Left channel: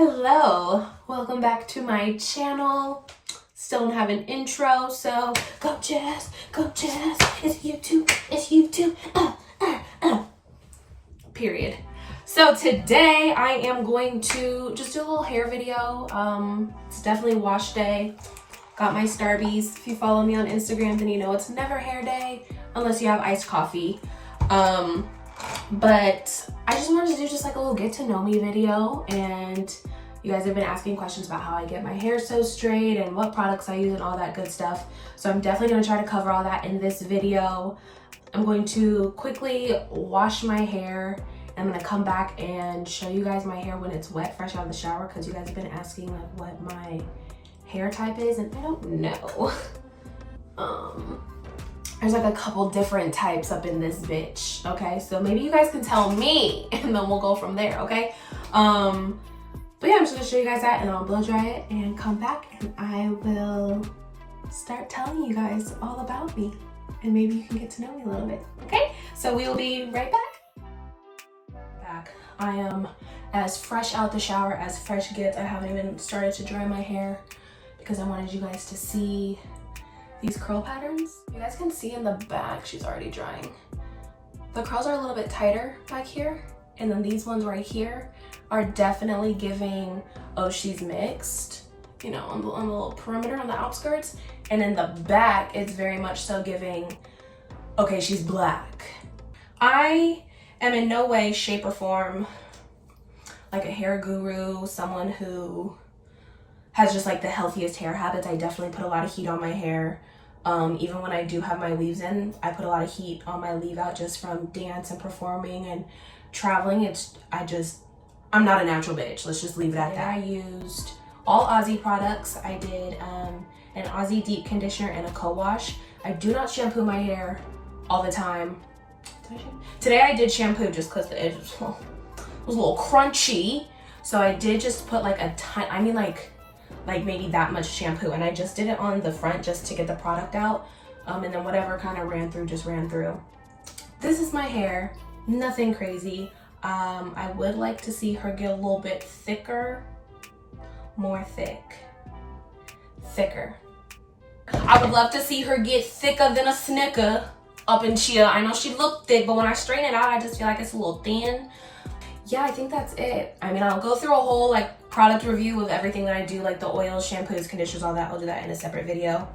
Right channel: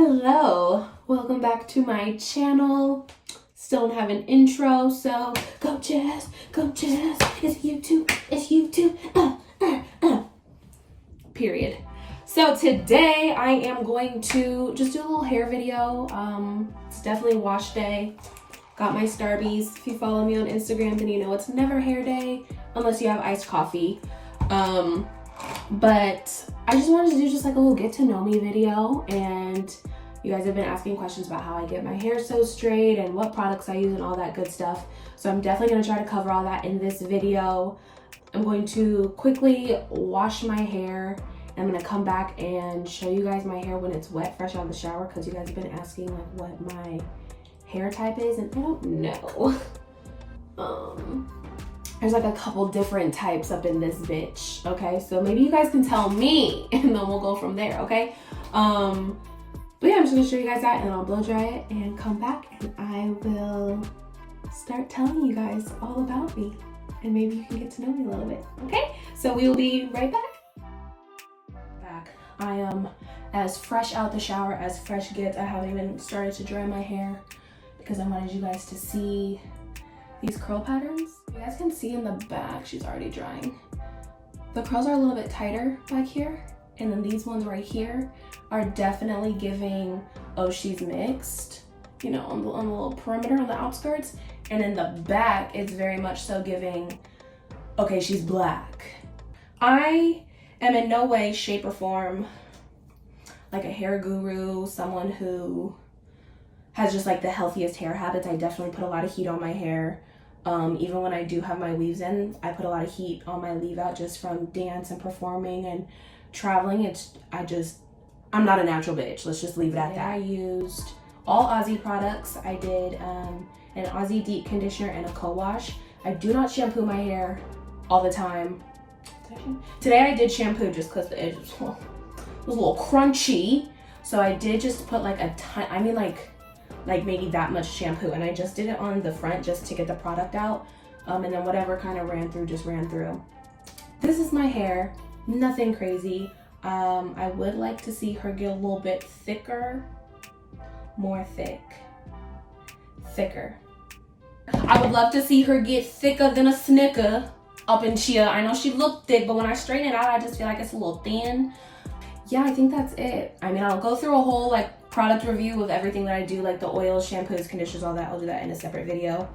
Hello, welcome back to my channel. Still don't have an intro, so go Jazz, it's YouTube, period. So today I am going to just do a little hair video. It's definitely wash day. Got my Starbies. If you follow me on Instagram, then you know it's never hair day unless you have iced coffee. But I just wanted to do just like a little get to know me video, and you guys have been asking questions about how I get my hair so straight and what products I use and all that good stuff. So I'm definitely gonna try to cover all that in this video. I'm going to quickly wash my hair. I'm gonna come back and show you guys my hair when it's wet, fresh out of the shower, because you guys have been asking like what my hair type is, and I don't know. There's like a couple different types up in this bitch, okay? So maybe you guys can tell me and then we'll go from there, okay? But yeah, I'm just gonna show you guys that and I'll blow dry it and come back and I will start telling you guys all about me and maybe you can get to know me a little bit, okay? So we will be right back. I am as fresh out the shower as fresh gets. I haven't even started to dry my hair because I wanted you guys to see these curl patterns. You guys can see in the back, she's already drying. The curls are a little bit tighter back here, and then these ones right here are definitely giving, oh, she's mixed, you know, on the little perimeter, on the outskirts. And in the back, it's very much so giving, okay, she's black. I am in no way, shape, or form like a hair guru, someone who has just like the healthiest hair habits. I definitely put a lot of heat on my hair. Even when I do have my weaves in, I put a lot of heat on my leave out just from dance and performing and traveling. I'm not a natural bitch. Let's just leave it at that. I used all Aussie products. I did an Aussie deep conditioner and a co-wash. I do not shampoo my hair all the time. Today I did shampoo just because the edge was a little crunchy. So I did just put like a ton, I mean like maybe that much shampoo, and I just did it on the front just to get the product out, and then whatever kind of ran through just ran through. This is my hair, nothing crazy. I would like to see her get a little bit thicker, more thicker. I would love to see her get thicker than a Snicker up in here. I know she looked thick, but when I straighten it out, I just feel like it's a little thin. Yeah, I think that's it. I mean, I'll go through a whole like product review of everything that I do, like the oils, shampoos, conditioners, all that. I'll do that in a separate video.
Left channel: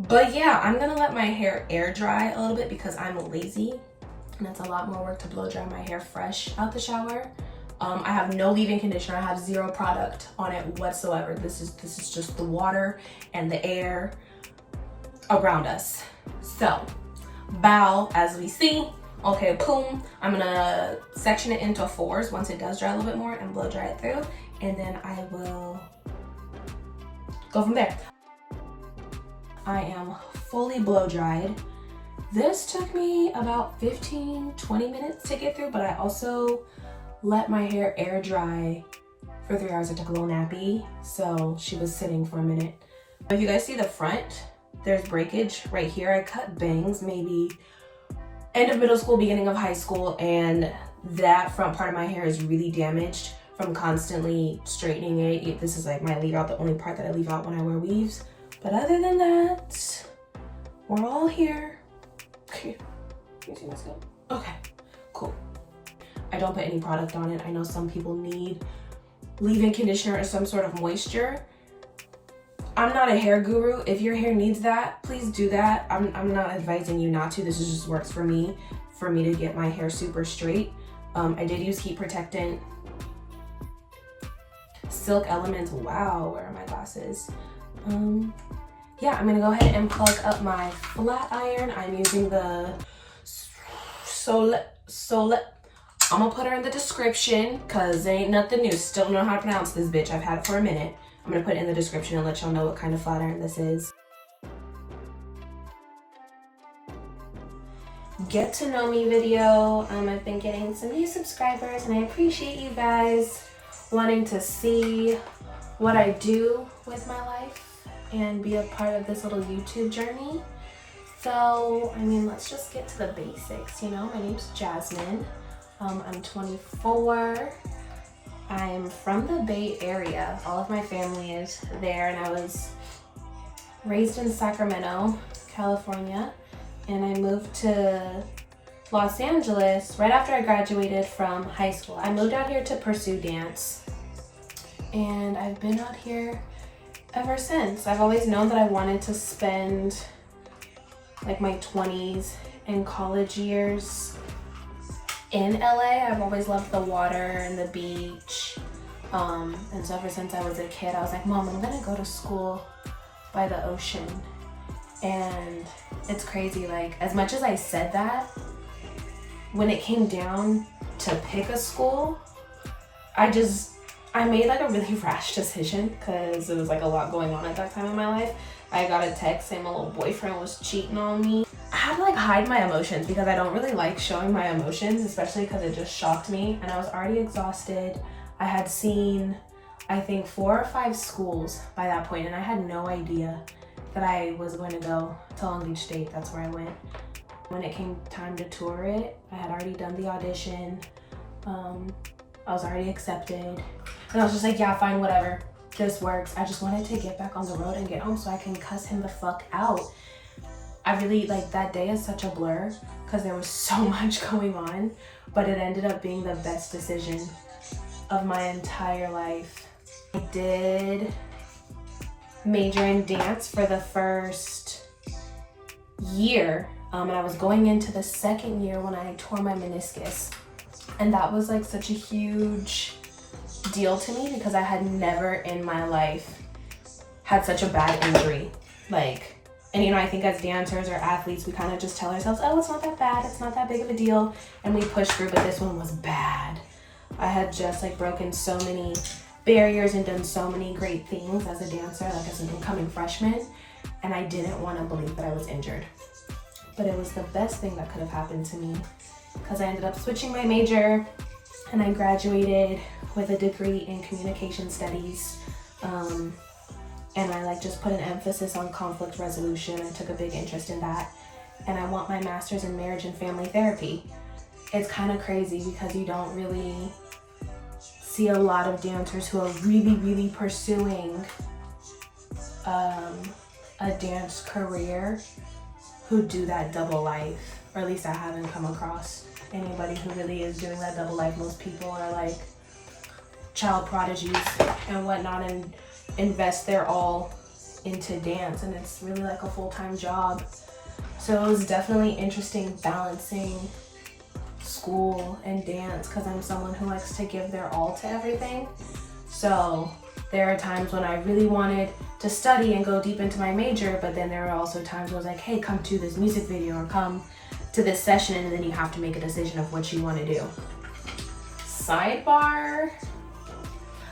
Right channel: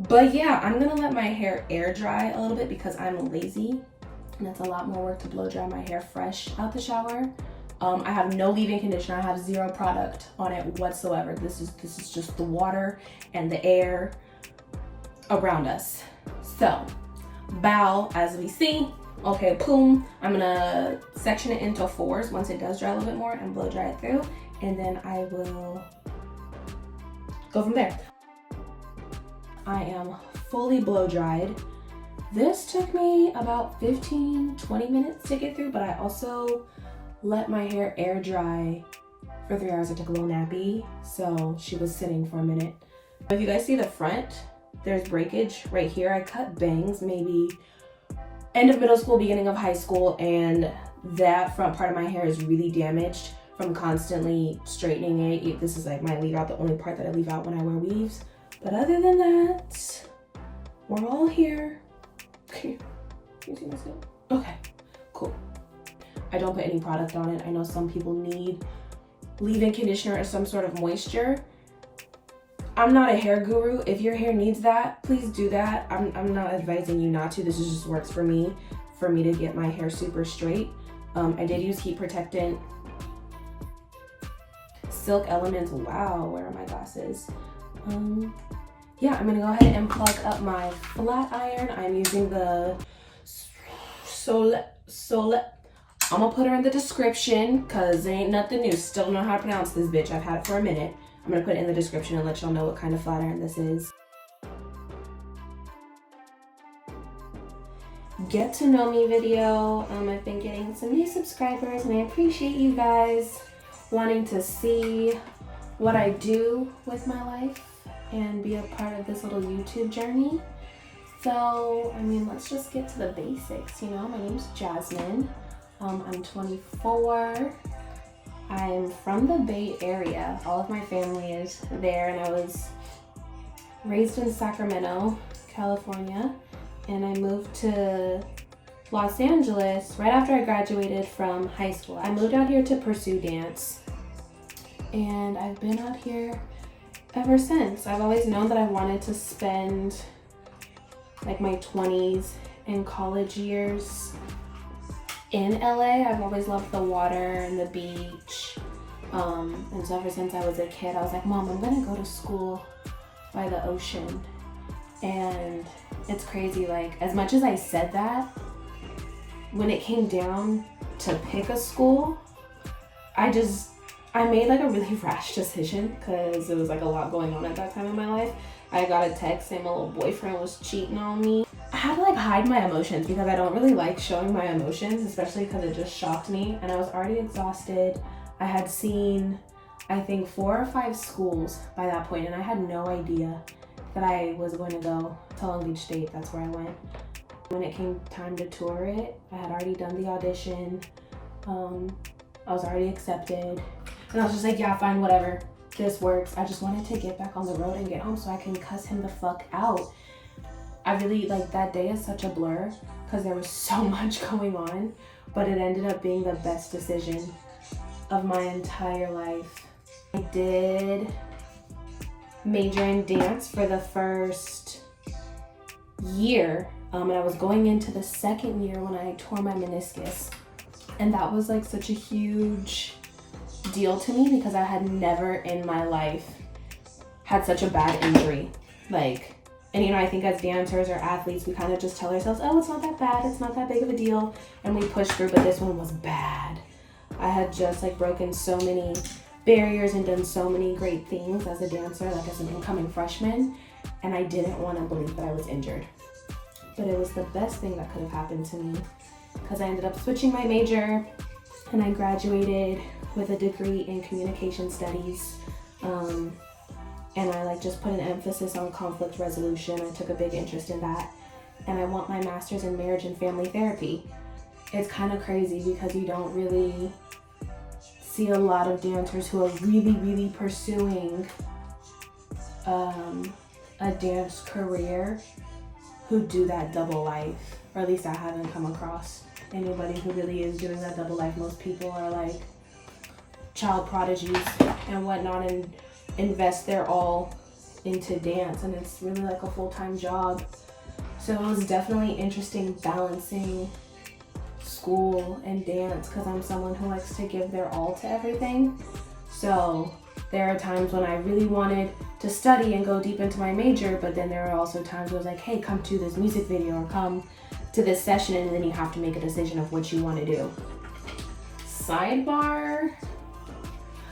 But yeah, I'm gonna let my hair air dry a little bit because I'm lazy and it's a lot more work to blow dry my hair fresh out the shower. I have no leave-in conditioner. I have zero product on it whatsoever. This is just the water and the air around us. So, bow as we see. Okay, boom. I'm gonna section it into fours once it does dry a little bit more and blow dry it through. And then I will go from there. I am fully blow dried. This took me about 15-20 minutes to get through, but I also let my hair air dry for 3 hours. I took a little nappy, so she was sitting for a minute. If you guys see the front, there's breakage right here. I cut bangs maybe end of middle school, beginning of high school, and that front part of my hair is really damaged from constantly straightening it. This is like my leave out, the only part that I leave out when I wear weaves. But other than that, we're all here. You see my scalp? Okay, cool. I don't put any product on it. I know some people need leave-in conditioner or some sort of moisture. I'm not a hair guru. If your hair needs that, please do that. I'm not advising you not to. This just works for me to get my hair super straight. I did use heat protectant. Silk Elements. Wow, where are my glasses? Yeah, I'm gonna go ahead and plug up my flat iron. I'm using the Soleil. I'm gonna put her in the description because there ain't nothing new. Still don't know how to pronounce this bitch. I've had it for a minute. I'm gonna put it in the description and let y'all know what kind of flat iron this is. Get to know me video. I've been getting some new subscribers and I appreciate you guys wanting to see what I do with my life and be a part of this little YouTube journey. So, I mean, let's just get to the basics, you know? My name's Jasmine. I'm 24. I'm from the Bay Area. All of my family is there, and I was raised in Sacramento, California, and I moved to Los Angeles right after I graduated from high school. I moved out here to pursue dance, and I've been out here ever since. I've always known that I wanted to spend like my 20s and college years in LA. I've always loved the water and the beach. And so ever since I was a kid, I was like, Mom, I'm gonna go to school by the ocean. And it's crazy, like as much as I said that, when it came down to pick a school, I made like a really rash decision because there was like a lot going on at that time in my life. I got a text saying my little boyfriend was cheating on me. I had to like hide my emotions because I don't really like showing my emotions, especially because it just shocked me and I was already exhausted. I had seen, I think 4 or 5 schools by that point, and I had no idea that I was going to go to Long Beach State. That's where I went. When it came time to tour it, I had already done the audition. I was already accepted. And I was just like, yeah, fine, whatever. This works. I just wanted to get back on the road and get home so I can cuss him the fuck out. I really, like, that day is such a blur because there was so much going on, but it ended up being the best decision of my entire life. I did major in dance for the first year, and I was going into the second year when I tore my meniscus. And that was like such a huge deal to me because I had never in my life had such a bad injury. Like, and you know, I think as dancers or athletes, we kind of just tell ourselves, oh, it's not that bad, it's not that big of a deal, and we push through, but this one was bad. I had just like broken so many barriers and done so many great things as a dancer, like as an incoming freshman, and I didn't want to believe that I was injured. But it was the best thing that could have happened to me because I ended up switching my major and I graduated with a degree in communication studies. And I like just put an emphasis on conflict resolution. I took a big interest in that. And I want my master's in marriage and family therapy. It's kind of crazy because you don't really see a lot of dancers who are really, really pursuing a dance career who do that double life. Or at least I haven't come across anybody who really is doing that double life. Most people are like child prodigies and whatnot and invest their all into dance, and it's really like a full-time job. So it was definitely interesting balancing school and dance because I'm someone who likes to give their all to everything. So there are times when I really wanted to study and go deep into my major, but then there are also times where I was like, hey, come to this music video or come to this session, and then you have to make a decision of what you want to do. Sidebar,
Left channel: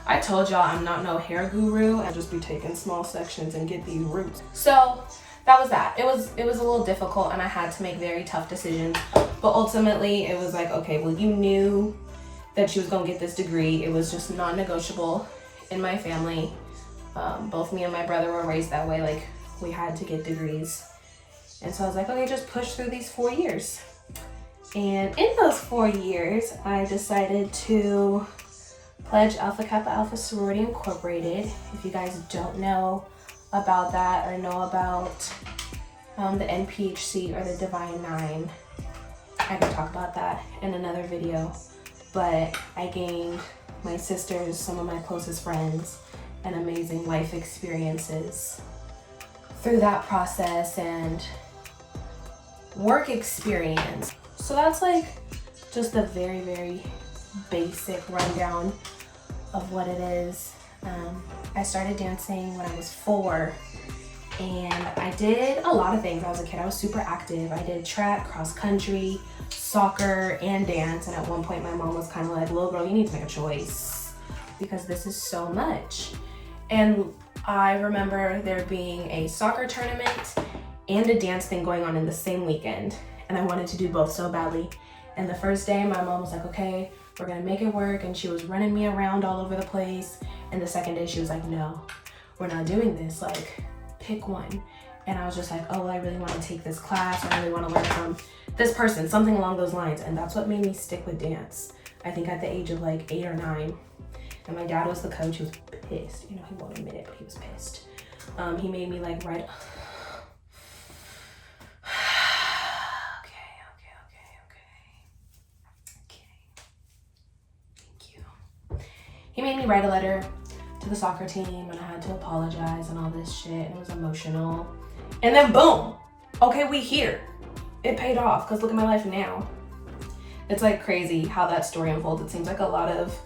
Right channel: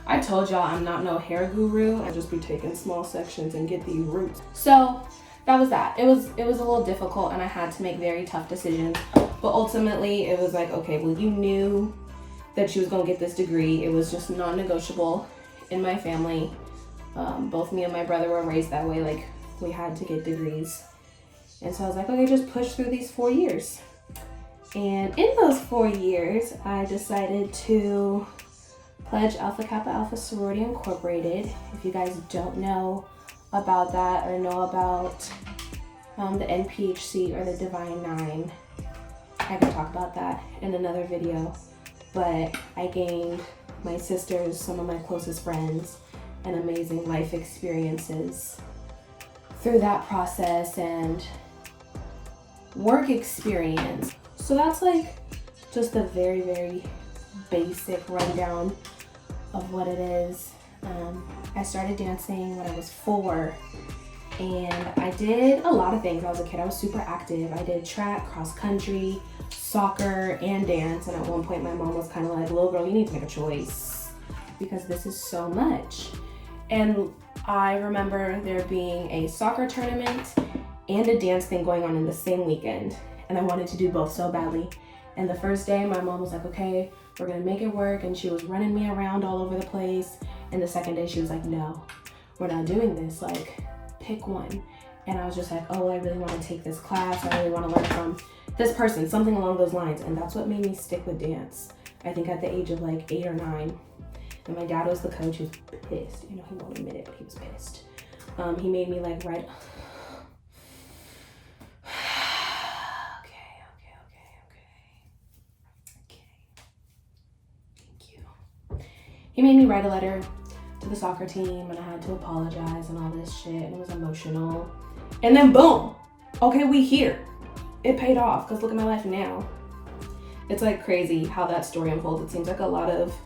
I told y'all I'm not no hair guru. I just be taking small sections and get these roots. So that was that. It was a little difficult and I had to make very tough decisions, but ultimately it was like, okay, well, you knew that you was gonna get this degree. It was just non-negotiable in my family. Both me and my brother were raised that way, like we had to get degrees. And so I was like, okay, just push through these 4 years. And in those 4 years, I decided to pledge Alpha Kappa Alpha Sorority Incorporated. If you guys don't know about that or know about the NPHC or the Divine Nine, I can talk about that in another video. But I gained my sisters, some of my closest friends, and amazing life experiences through that process and work experience. So that's like just a very, very basic rundown of what it is. I started dancing when I was 4 and I did a lot of things. When I was a kid, I was super active. I did track, cross country, soccer, and dance. And at one point my mom was kind of like, little girl, you need to make a choice because this is so much. And I remember there being a soccer tournament and a dance thing going on in the same weekend. And I wanted to do both so badly. And the first day my mom was like, okay, we're gonna make it work. And she was running me around all over the place. And the second day she was like, no, we're not doing this. Like, pick one. And I was just like, oh, I really want to take this class. I really want to learn from this person, something along those lines. And that's what made me stick with dance. I think at the age of like 8 or 9. And my dad was the coach. He was pissed. You know, he won't admit it, but he was pissed. He made me like write. He made me write a letter to the soccer team, and I had to apologize and all this shit, and it was emotional. And then boom, okay, we here. It paid off, because look at my life now. It's like crazy how that story unfolds. It seems like a lot of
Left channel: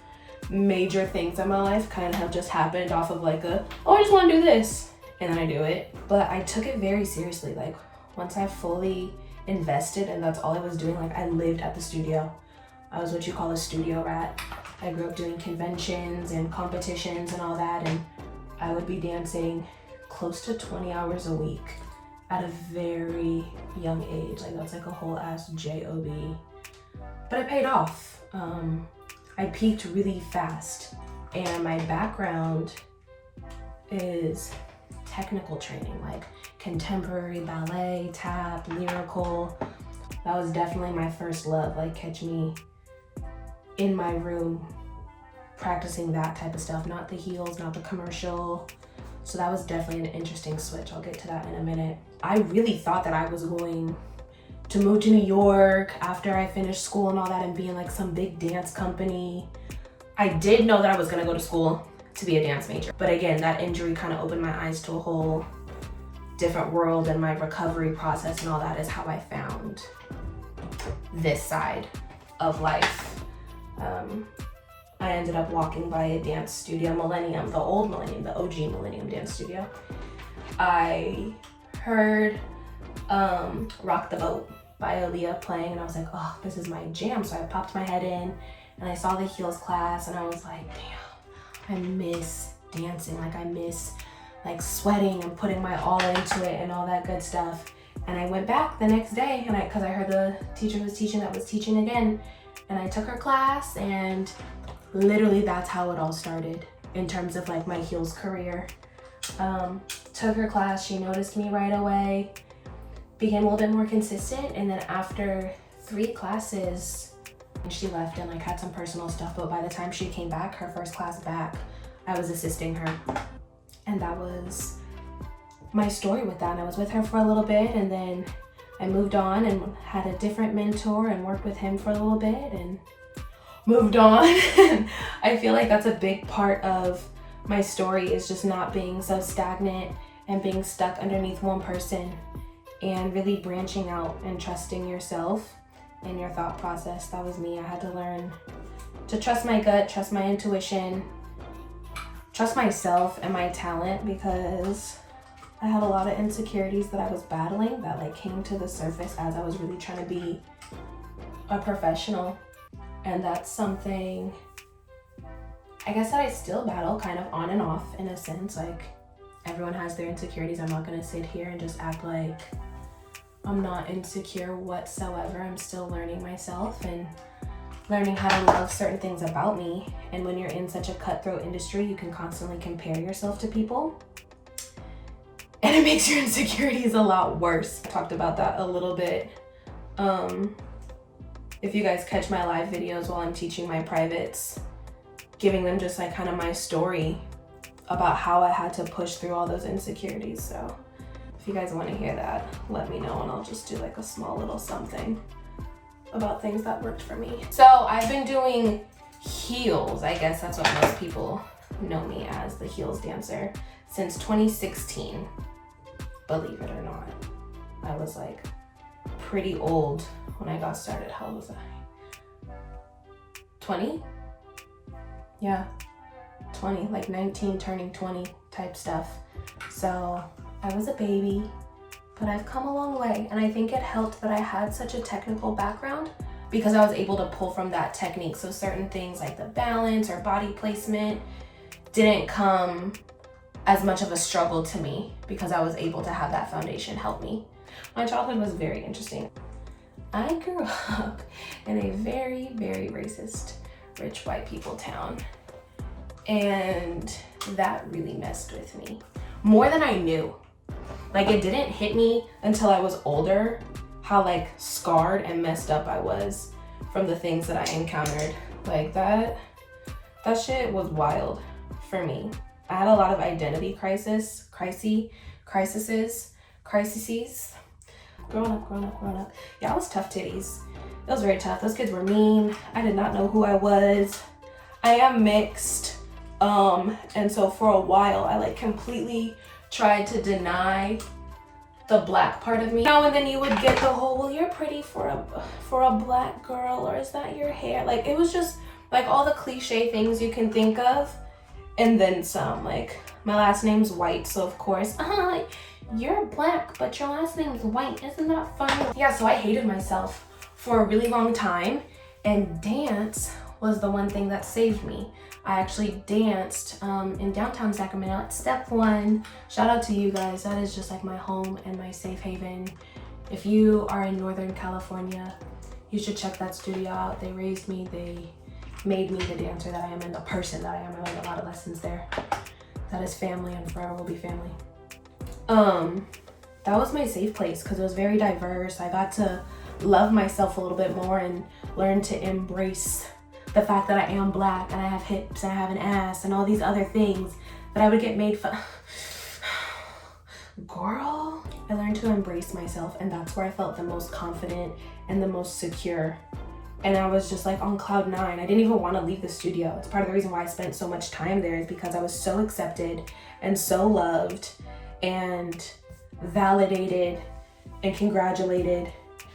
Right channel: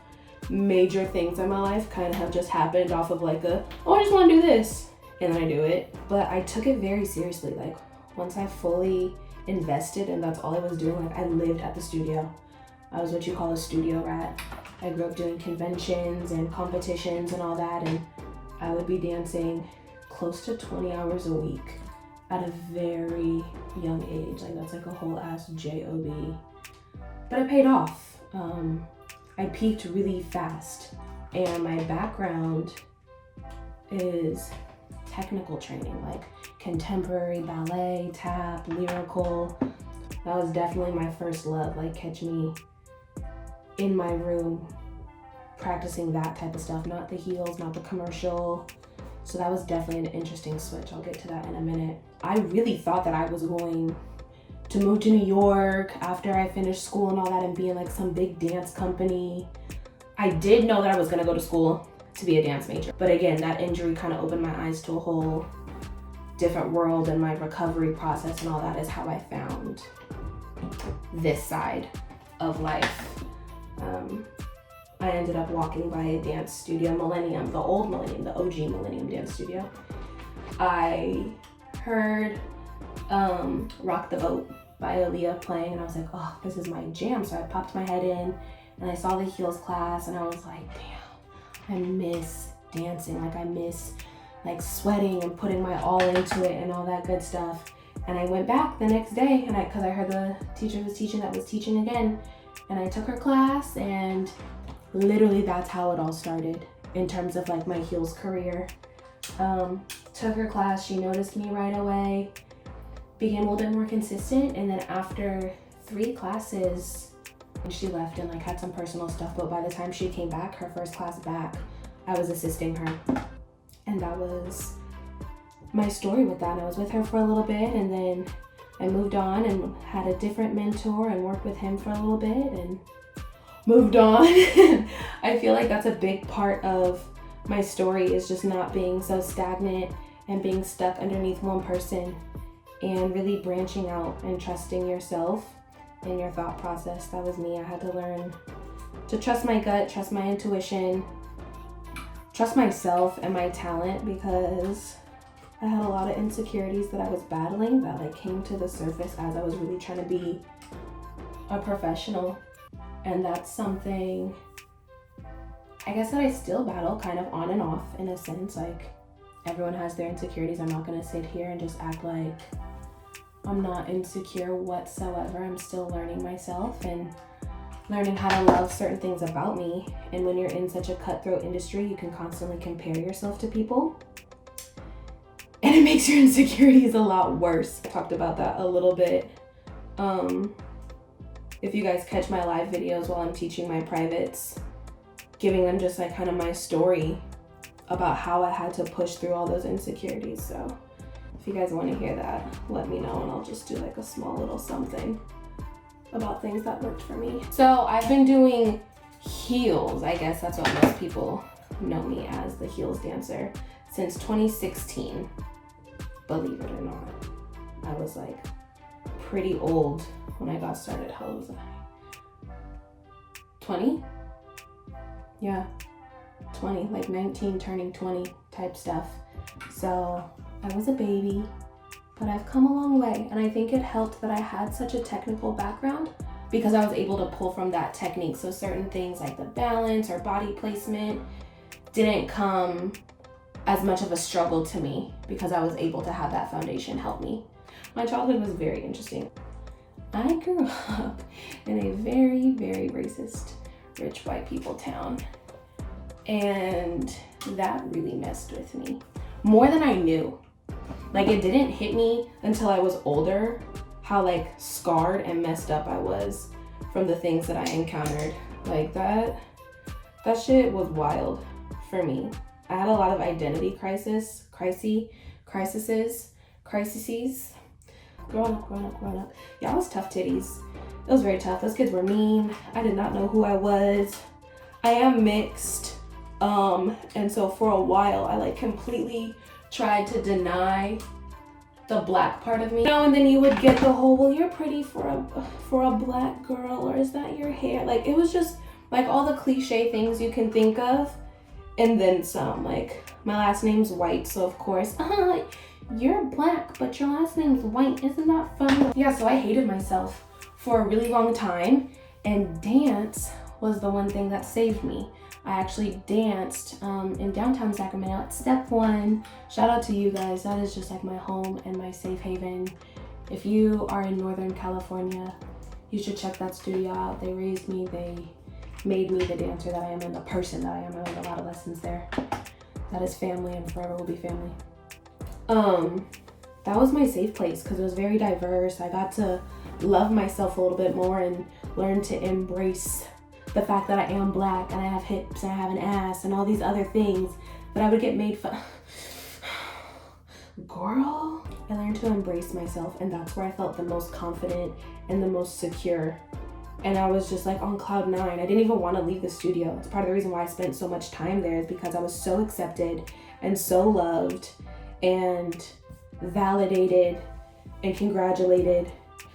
major things in my life kind of have just happened off of like oh, I just want to do this, and then I do it. But I took it very seriously. Like once I fully invested, and that's all I was doing, like I lived at the studio. I was what you call a studio rat. I grew up doing conventions and competitions and all that, and I would be dancing close to 20 hours a week at a very young age. Like that's like a whole ass job. But it paid off. I peaked really fast, and my background is technical training, like contemporary ballet, tap, lyrical. That was definitely my first love. Like catch me in my room practicing that type of stuff, not the heels, not the commercial. So that was definitely an interesting switch. I'll get to that in a minute. I really thought that I was going to move to New York after I finished school and all that and be in like some big dance company. I did know that I was gonna go to school to be a dance major. But again, that injury kind of opened my eyes to a whole different world, and my recovery process and all that is how I found this side of life. I ended up walking by a dance studio, Millennium, the old Millennium, the OG Millennium dance studio. I heard Rock the Boat by Aaliyah playing, and I was like, oh, this is my jam. So I popped my head in, and I saw the heels class, and I was like, damn, I miss dancing. Like I miss like sweating and putting my all into it and all that good stuff. And I went back the next day, and cause I heard the teacher was teaching again. And I took her class, and literally that's how it all started in terms of like my heels career. Took her class, she noticed me right away, became a little bit more consistent, and then after 3 classes, she left and like had some personal stuff, but by the time she came back, her first class back, I was assisting her. And that was my story with that. And I was with her for a little bit, and then I moved on and had a different mentor and worked with him for a little bit and moved on. I feel like that's a big part of my story, is just not being so stagnant and being stuck underneath one person, and really branching out and trusting yourself and your thought process. That was me. I had to learn to trust my gut, trust my intuition, trust myself and my talent, because I had a lot of insecurities that I was battling that like came to the surface as I was really trying to be a professional. And that's something I guess that I still battle kind of on and off in a sense. Like everyone has their insecurities. I'm not gonna sit here and just act like I'm not insecure whatsoever. I'm still learning myself and learning how to love certain things about me. And when you're in such a cutthroat industry, you can constantly compare yourself to people, and it makes your insecurities a lot worse. I talked about that a little bit. If you guys catch my live videos while I'm teaching my privates, giving them just like kind of my story about how I had to push through all those insecurities. So if you guys want to hear that, let me know, and I'll just do like a small little something about things that worked for me. So I've been doing heels. I guess that's what most people know me as, the heels dancer, since 2016. Believe it or not, I was like pretty old when I got started. How old was I? 20? Yeah, 20, like 19 turning 20 type stuff. So I was a baby, but I've come a long way. And I think it helped that I had such a technical background, because I was able to pull from that technique. So certain things like the balance or body placement didn't come as much of a struggle to me, because I was able to have that foundation help me. My childhood was very interesting. I grew up in a very, very racist, rich white people town. And that really messed with me more than I knew. Like it didn't hit me until I was older how like scarred and messed up I was from the things that I encountered. Like that That shit was wild for me. I had a lot of identity crises. Growing up. Yeah, I was tough titties. It was very tough. Those kids were mean. I did not know who I was. I am mixed. And so for a while, I like completely tried to deny the black part of me. You know, and then you would get the whole, well, you're pretty for a black girl, or is that your hair? Like, it was just like all the cliche things you can think of, and then some. Like, my last name's White, so of course, you're black, but your last name's White. Isn't that funny? Yeah, so I hated myself for a really long time, and dance was the one thing that saved me. I actually danced in downtown Sacramento at Step One. Shout out to you guys. That is just like my home and my safe haven. If you are in Northern California, you should check that studio out. They raised me, they made me the dancer that I am and the person that I am. I learned a lot of lessons there. That is family and forever will be family. That was my safe place because it was very diverse. I got to love myself a little bit more and learn to embrace the fact that I am black and I have hips and I have an ass and all these other things that I would get made fun. Girl, I learned to embrace myself, and that's where I felt the most confident and the most secure. And I was just like on cloud nine. I didn't even want to leave the studio. It's part of the reason why I spent so much time there, is because I was so accepted and so loved and validated and congratulated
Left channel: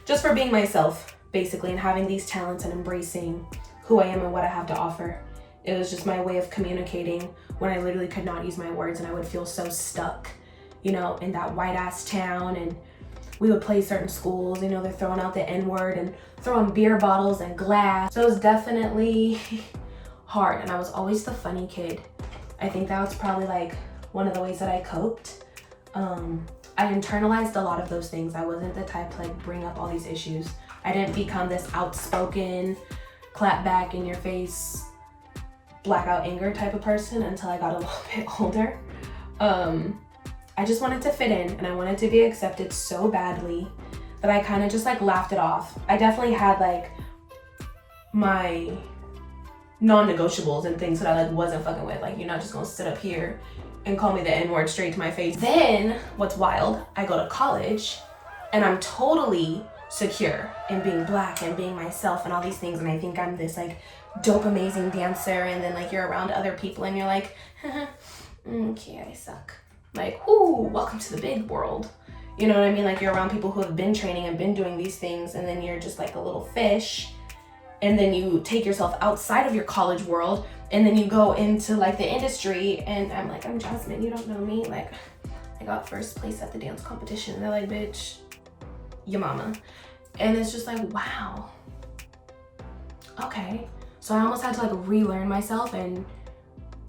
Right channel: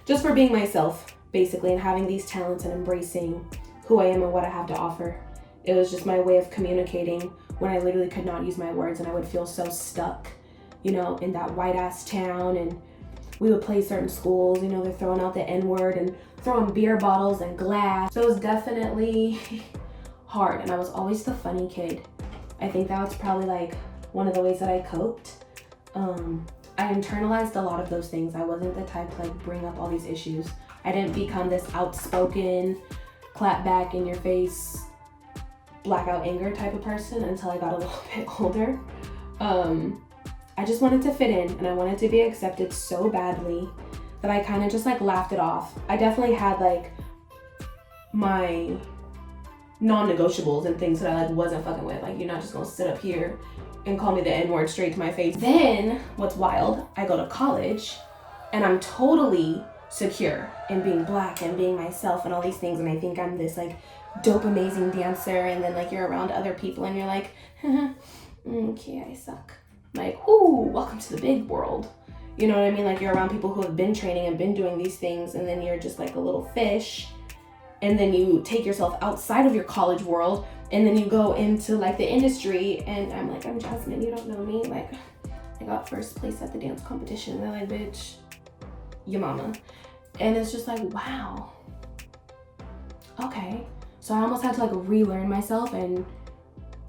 just for being myself, basically, and having these talents and embracing who I am and what I have to offer. It was just my way of communicating when I literally could not use my words, and I would feel so stuck, you know, in that white ass town. And we would play certain schools, you know, they're throwing out the N-word and throwing beer bottles and glass. So it was definitely hard, and I was always the funny kid. I think that was probably like one of the ways that I coped. I internalized a lot of those things. I wasn't the type to like bring up all these issues. I didn't become this outspoken, clap back in your face, blackout anger type of person until I got a little bit older. I just wanted to fit in, and I wanted to be accepted so badly that I kind of just like laughed it off. I definitely had like my non-negotiables and things that I like wasn't fucking with. Like, you're not just gonna sit up here and call me the N-word straight to my face. Then what's wild, I go to college and I'm totally secure in being black and being myself and all these things, and I think I'm this like dope amazing dancer, and then like you're around other people and you're like, okay, I suck. Like, ooh, welcome to the big world. You know what I mean? Like, you're around people who have been training and been doing these things, and then you're just like a little fish, and then you take yourself outside of your college world, and then you go into like the industry, and I'm like, I'm Jasmine, you don't know me. Like, I got first place at the dance competition. They're like, bitch, your mama. And it's just like, wow, okay. So I almost had to like relearn myself and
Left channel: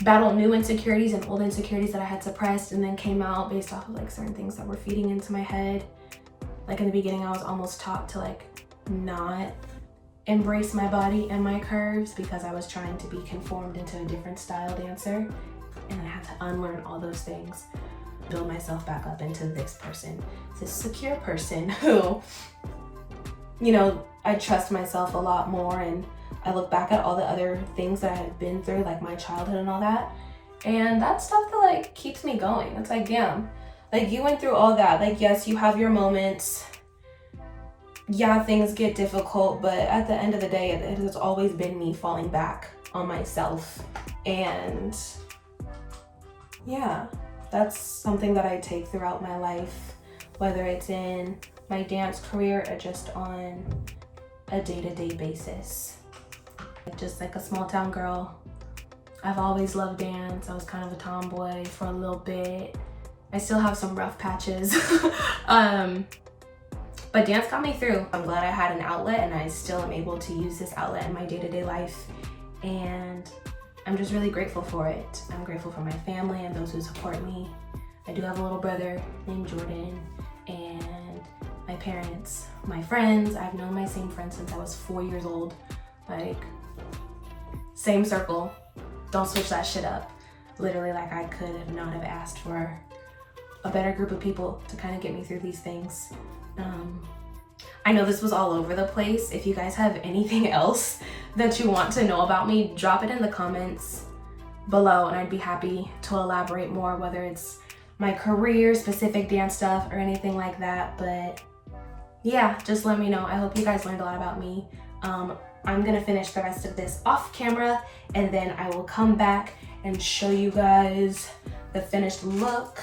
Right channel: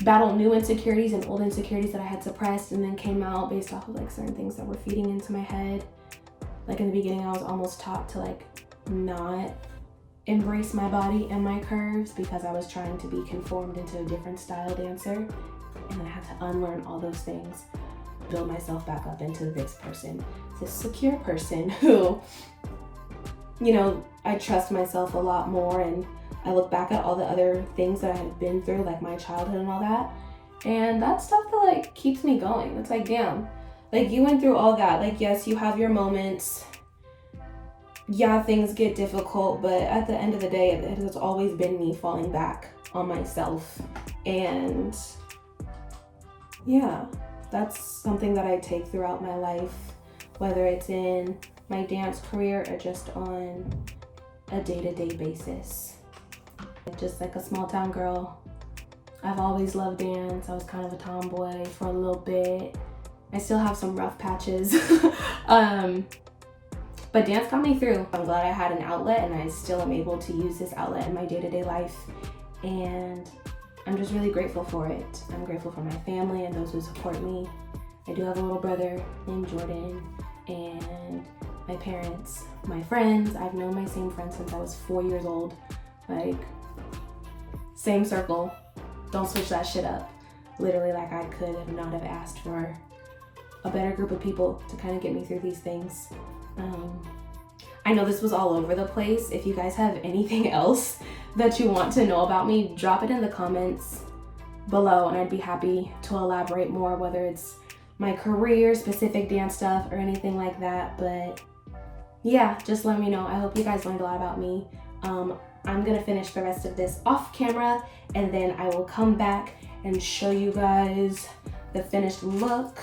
battle new insecurities and old insecurities that I had suppressed, and then came out based off of like certain things that were feeding into my head. Like in the beginning, I was almost taught to like not embrace my body and my curves because I was trying to be conformed into a different style dancer, and I had to unlearn all those things, build myself back up into this person, this secure person who, you know, I trust myself a lot more, and I look back at all the other things that I had been through, like my childhood and all that, and that's stuff that like keeps me going. It's like, damn, like you went through all that. Like, yes, you have your moments. Yeah, things get difficult, but at the end of the day, it has always been me falling back on myself. And yeah, that's something that I take throughout my life, whether it's in my dance career or just on a day-to-day basis. Just like a small town girl, I've always loved dance. I was kind of a tomboy for a little bit. I still have some rough patches. But dance got me through. I'm glad I had an outlet, and I still am able to use this outlet in my day-to-day life. And I'm just really grateful for it. I'm grateful for my family and those who support me. I do have a little brother named Jordan, and my parents, my friends. I've known my same friends since I was 4 years old. Like, same circle. Don't switch that shit up. Literally, like, I could have not have asked for a better group of people to kind of get me through these things. I know this was all over the place. If you guys have anything else that you want to know about me, drop it in the comments below and I'd be happy to elaborate more, whether it's my career, specific dance stuff, or anything like that. But yeah, just let me know. I hope you guys learned a lot about me. I'm gonna finish the rest of this off camera and then I will come back and show you guys the finished look.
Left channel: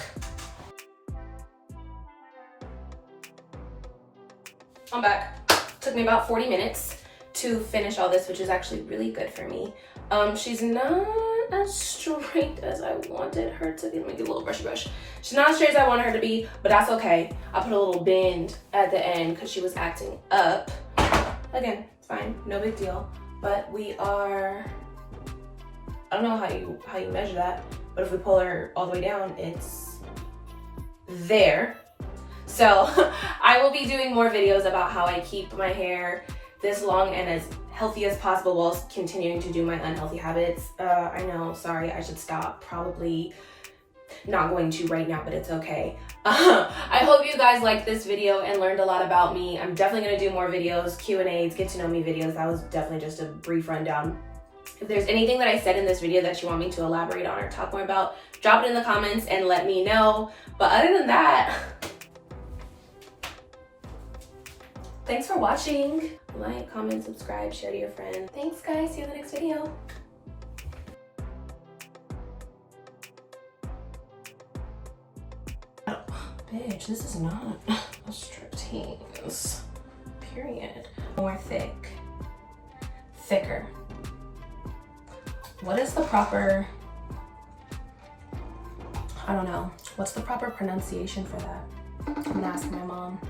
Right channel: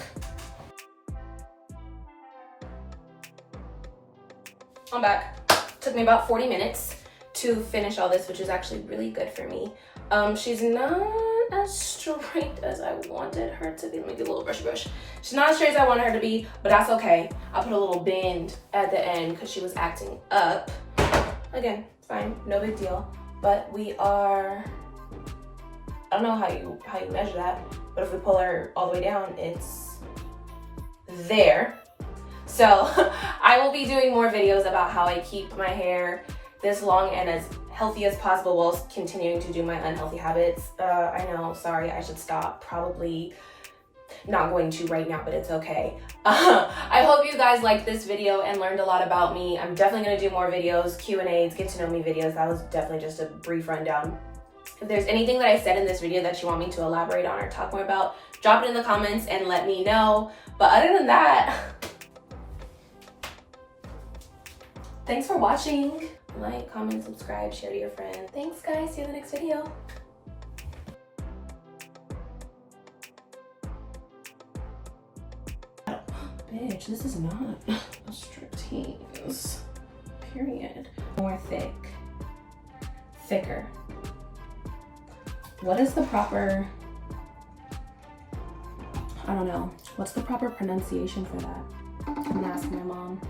I'm back. Took me about 40 minutes to finish all this, which is actually really good for me. She's not as straight as I wanted her to be. Let me get a little brushy brush. She's not as straight as I wanted her to be, but that's okay. I put a little bend at the end because she was acting up. Again, fine, no big deal. But we are, I don't know how you measure that, but if we pull her all the way down, it's there. So I will be doing more videos about how I keep my hair this long and as healthy as possible while continuing to do my unhealthy habits. I know, sorry, I should stop. Probably not going to right now, but it's okay. I hope you guys liked this video and learned a lot about me. I'm definitely gonna do more videos, Q&As, get to know me videos. That was definitely just a brief rundown. If there's anything that I said in this video that you want me to elaborate on or talk more about, drop it in the comments and let me know. But other than that, thanks for watching. Like, comment, subscribe, share to your friends. Thanks guys, see you in the next video. Oh, bitch, this is not a striptease, period. More thicker. What is the proper, I don't know, what's the proper pronunciation for that? I'm gonna ask my mom.